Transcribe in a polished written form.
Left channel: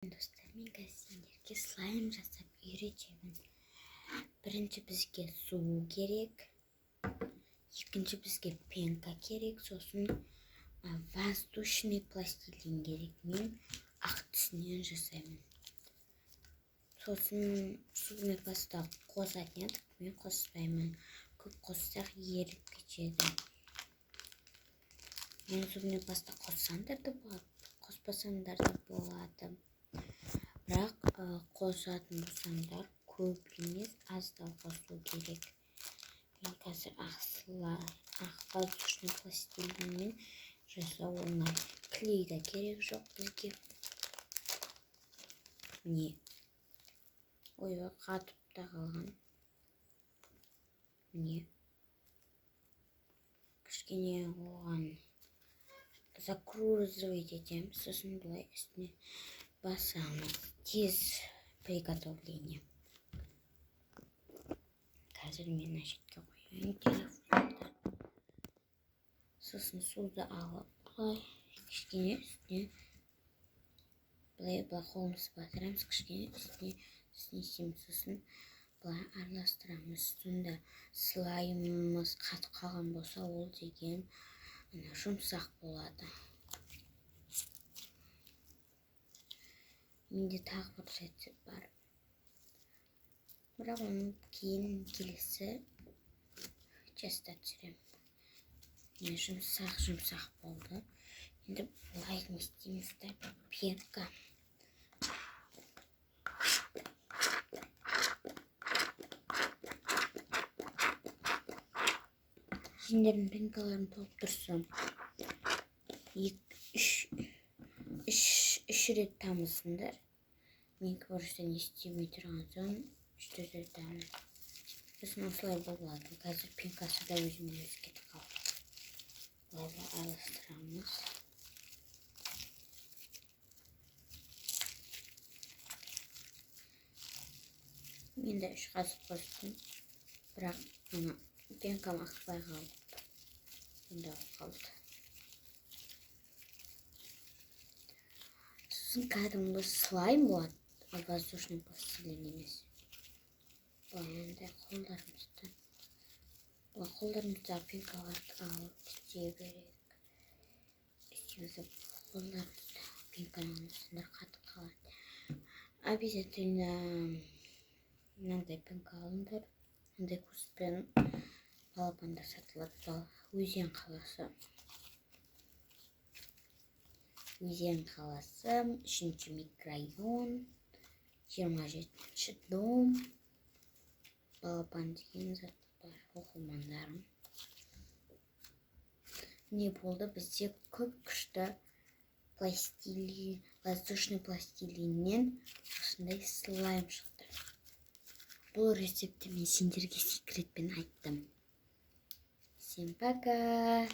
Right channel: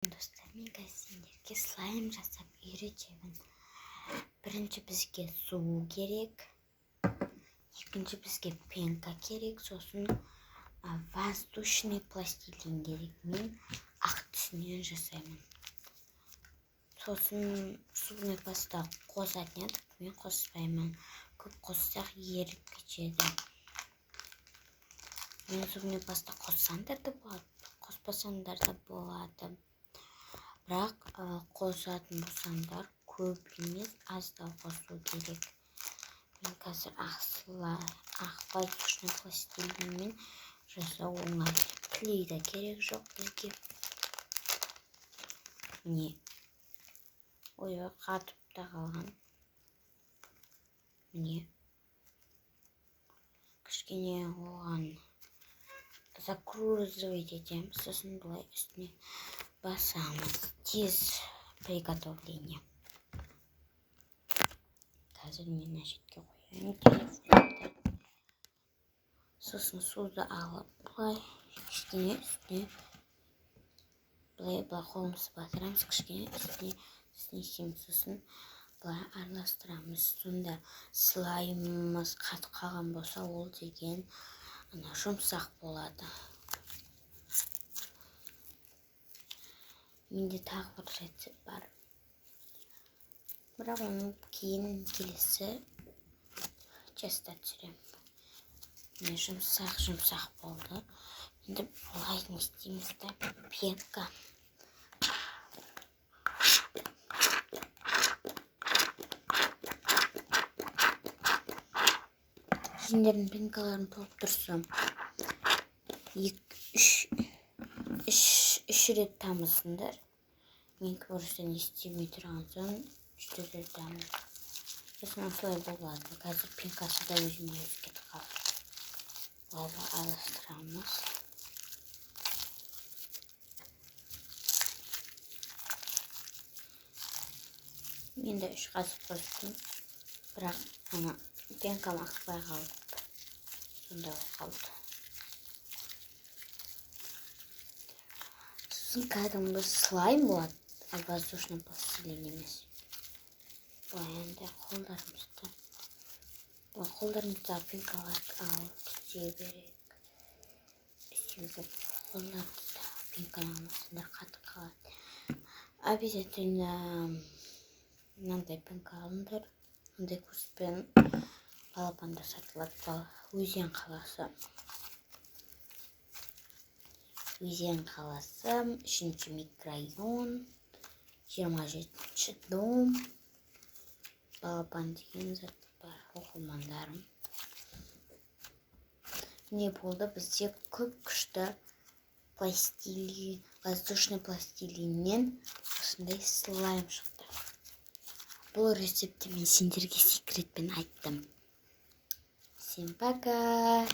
Достар, мен қазір сендерге слайм жасап үйретемін. Бірінші бізге су керек, екінші бізге пенка керек, сосын воздушный пластилин керек. Мен ақ түсінен жасаймын. Сосын зубный паста қосатын едік, мен қоспаймын. Көп қоссақ еріп кетеді. Мен зубный паста қоссаңдар да болады, қоспасаңдар да болады. Бірақ қосатын болсаңдар көп емес, аздау қосу керек. Мен қазір ақ воздушный пластилинмен жасау оңай. Клей де керек жоқ бізге. Міне. Ой, қатып та қалған. Міне. Кішкене оған закруживать етеміз, сосын былай үстіне басамыз. Тез приготовление. Қазір мен әшетке қояйын. Сосын суды алып, былай кішкене үстіне былай қолымызды батырамыз, кішкене үстіне снесеміз, сосын былай араластырамыз. Сонда слаймымыз қатып қалған болса, ол деген жұмсақ болады. Менде тағы бір рецепт бар. Бірақ оның кейін келесі жаста түсіремін. Міне жұмсақ болды. Енді былай не істейміз да, пенка. Сендердің пенкаларын толып тұрса, 3 рет тамызыңдар. Мен көрістен істемей тұрған соң 3 рет тамыз. Сосын осылай болады. Қазір пенкасы да өзіме кетіп қалды. Былай араластырамыз. Мен де 3 қасық қостым. Бірақ пенкам ақпай қалды. Сонда қалды. Сосын кәдімгі слайм болады, воздушный пластилин емес. Былай енді қолдарымызда пенкаларды алып кете берек. Үстімізді қолдарымызда пенканы алмасындар қатып қалады. Обязательно мынандай пенка алыңдар. Мынандай курспен балапанда сатылады. Өзен қаласы. Өзен қаласы, 3-ші микрорайон, 27-ші дом. Балапан деген зат бар, оқырмандарым. Не болды, бізде көп күшті воздушный пластилиннен осындай слайм шықты. Бұл рецепті мен сендерге секретпен айттым. Всем пока!